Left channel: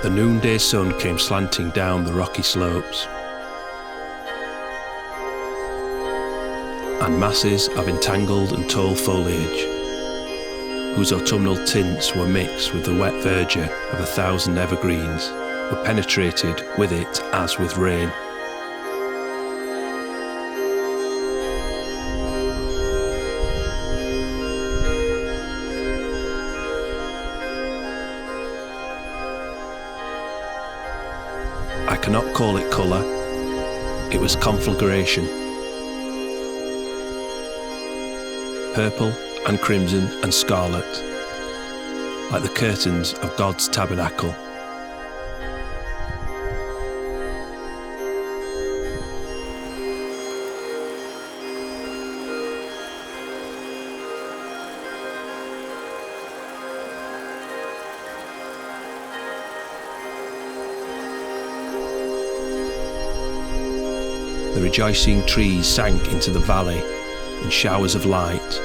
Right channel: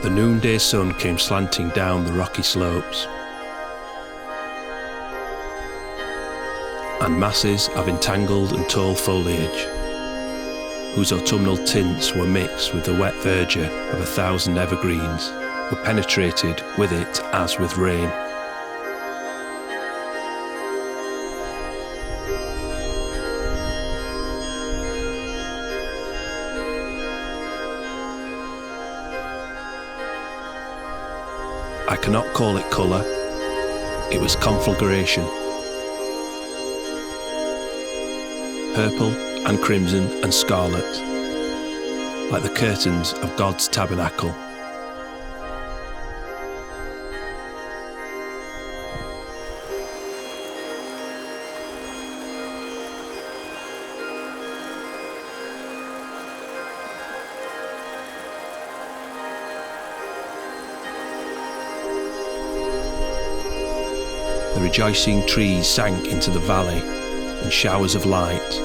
The noonday sun came slanting down the rocky slopes, and masses of entangled and tall foliage, whose autumnal tints were mixed with the wet verdure of 1,000 evergreens, were penetrated with it as with rain. I cannot call it colour, it was conflagration. Purple and crimson and scarlet, like the curtains of God's tabernacle. The rejoicing trees sank into the valley in showers of light,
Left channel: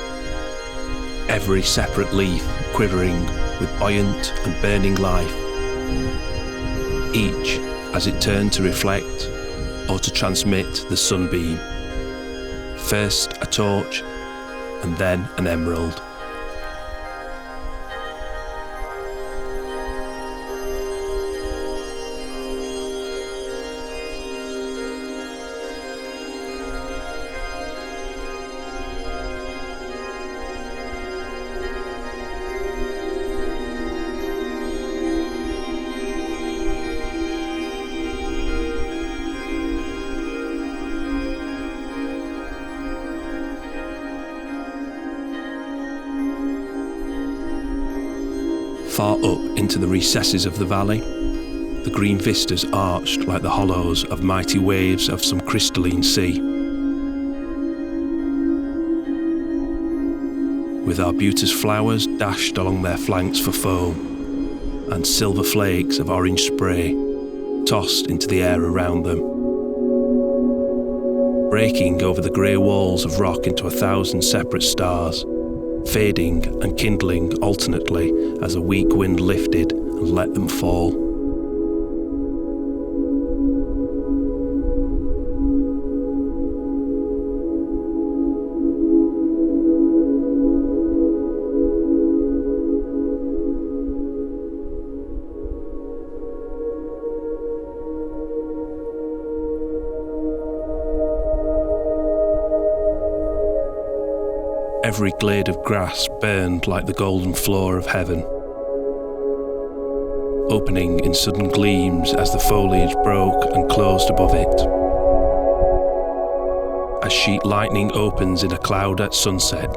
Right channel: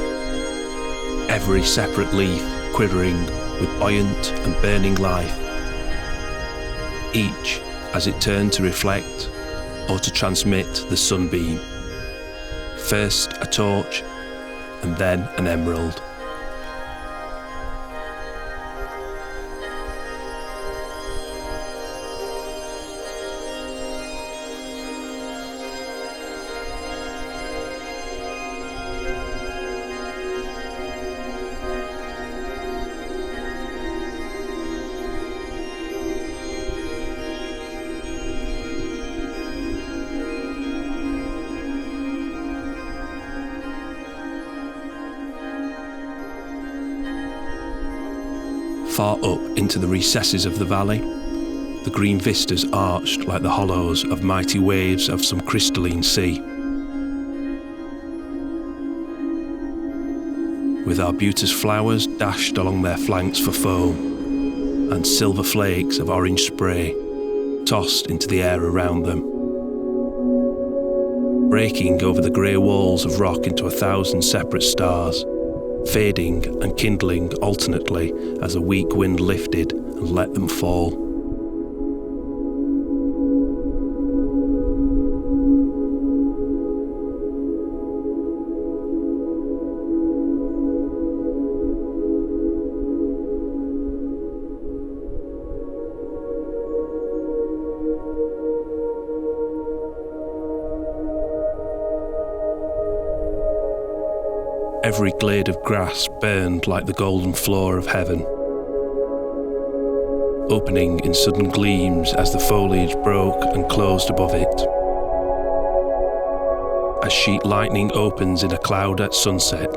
every separate leaf quivering with buoyant and burning life, each as it turned to reflect or to transmit the sunbeam, first a torch and then an emerald. Far up into the recesses of the valley, the green vistas arched like the hollows of mighty waves of some crystalline sea. With arbutus flowers dashed along their flanks for foam, and silver flakes of orange spray tossed into the air around them, breaking over the grey walls of rock into 1,000 separate stars, fading and kindling alternately as a weak wind lifted and let them fall. Every glade of grass burned like the golden floor of heaven, opening in sudden gleams as the foliage broke and closed above it. As sheet lightning opens in a cloud at sunset,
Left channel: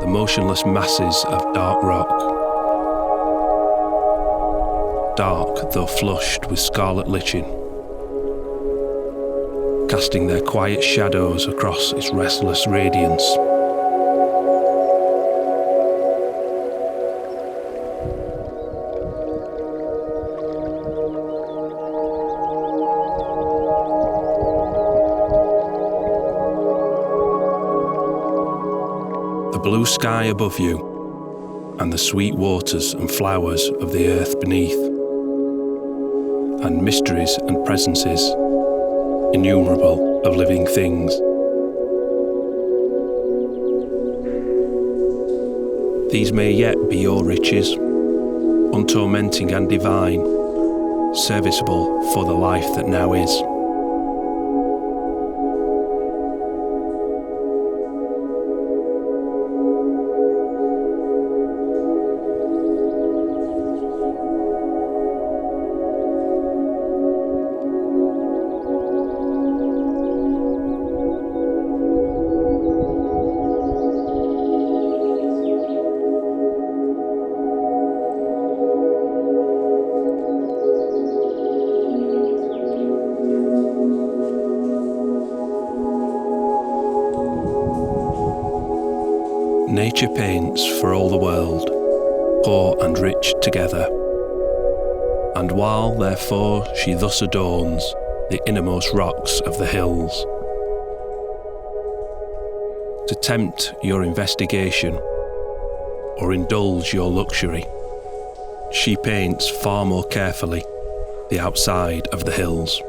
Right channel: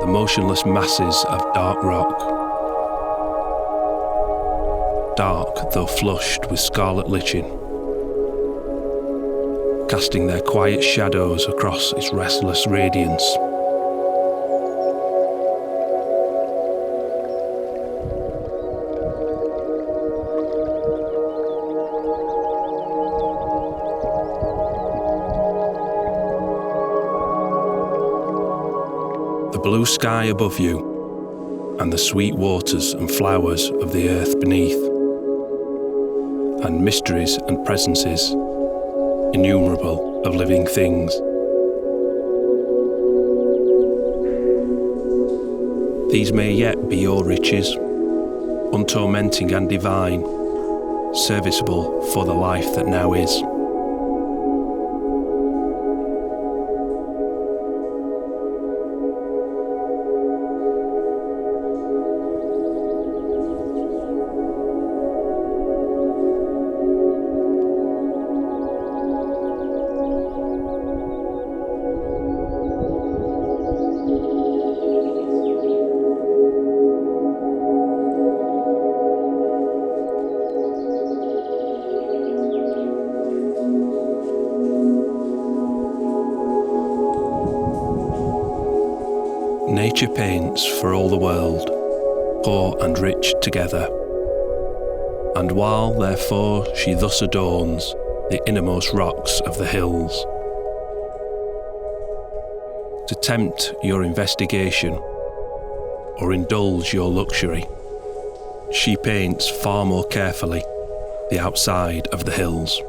the motionless masses of dark rock, dark though flushed with scarlet lichen, casting their quiet shadows across its restless radiance. The blue sky above you, and the sweet waters and flowers of the earth beneath, and mysteries and presences innumerable of living things. These may yet be your riches, untormenting and divine, serviceable for the life that now is. Nature paints for all the world, poor and rich together. And while, therefore, she thus adorns the innermost rocks of the hills, to tempt your investigation or indulge your luxury, she paints far more carefully the outside of the hills.